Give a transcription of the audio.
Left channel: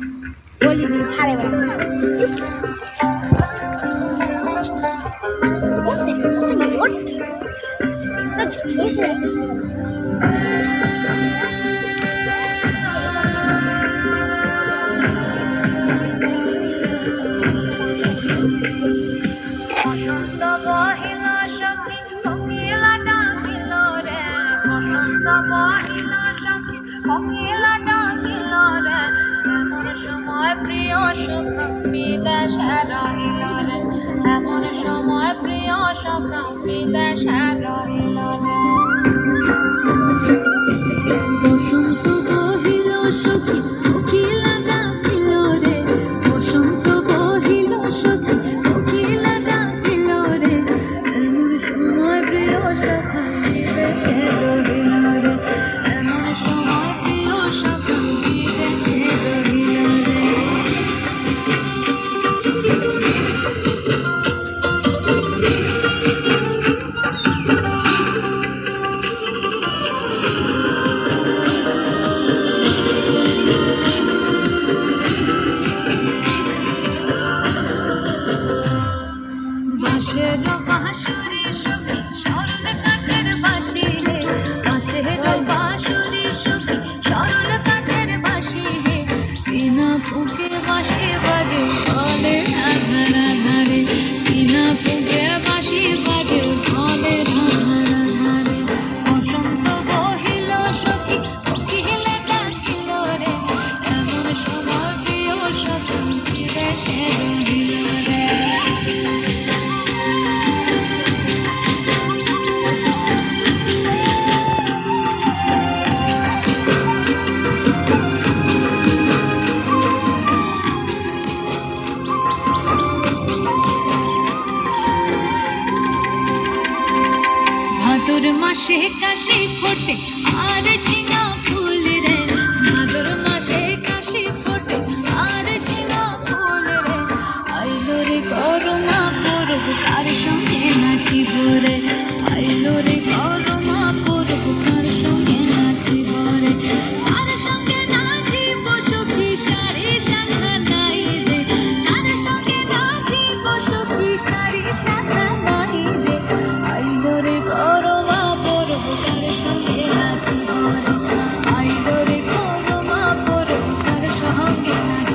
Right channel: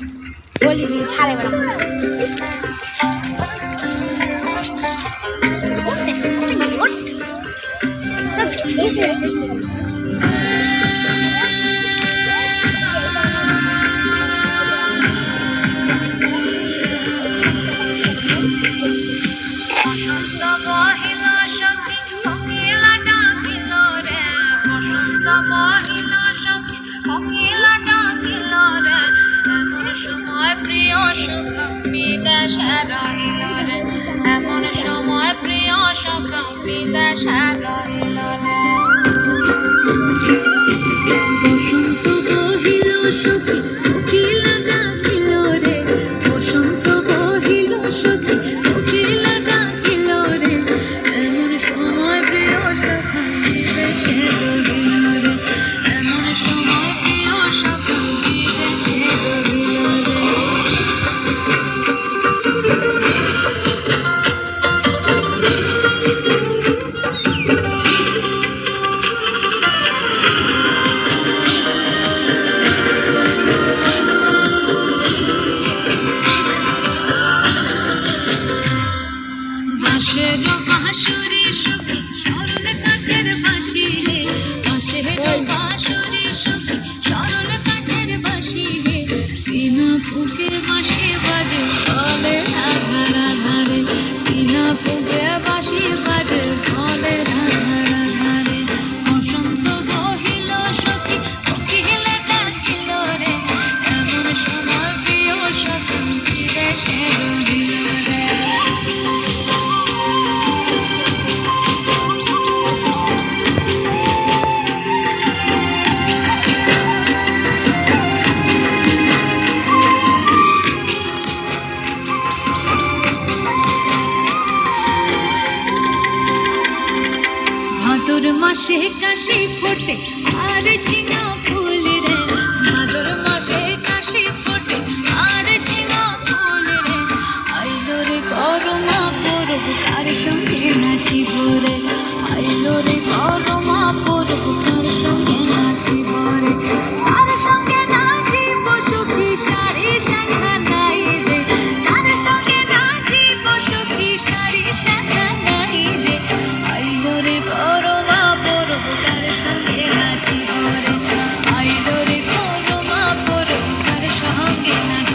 বলি ছাড়ে বেড়া এমন সময় প্রিয় সখা বিদেশে রহিল রে। বসন্ত বহিল সখী কোকিলা ডাকিল রে, বসন্ত বহিল সখী কোকিলা ডাকিল রে, এমন সময় প্রিয় সখা বিদেশে রহিল রে, এমন সময় প্রিয় সখা বিদেশে রহিল রে। বাঁশের বাঁশুরি সখী সরল কাঠের বাঁশি রে, বাঁশের বাঁশুরি সখী সরল কাঠের বাঁশি রে, বিনা ফুঁকে বাঁশি বাজে বলে রাধা রাধা রে, বিনা ফুঁকে বাঁশি বাজে বলে রাধা রাধা রে। বসন্ত বহিল সখী কোকিলা ডাকিল রে, এমন সময় প্রিয় সখী বিদেশে রহিল রে। ভাদর মাসে কাশি ফোটে আর ঝিঙা ফুল রে, ভাদর মাসে কাশি ফোটে আর ঝিঙা ফুল রে, আইলো রে করমা পরব তার সঙ্গে নাচিব রে, আইলো রে করমা পরব তার সঙ্গে নাচিব রে, তার সঙ্গে নাচিব সখী সারি শাখা নাই রে, তার সঙ্গে নাচিব সখী সারি শাখা নাই রে, আইলো রে করমা পরব তার সঙ্গে নাচিব রে, আইলো রে করমা পরব তার সঙ্গে নাচিব।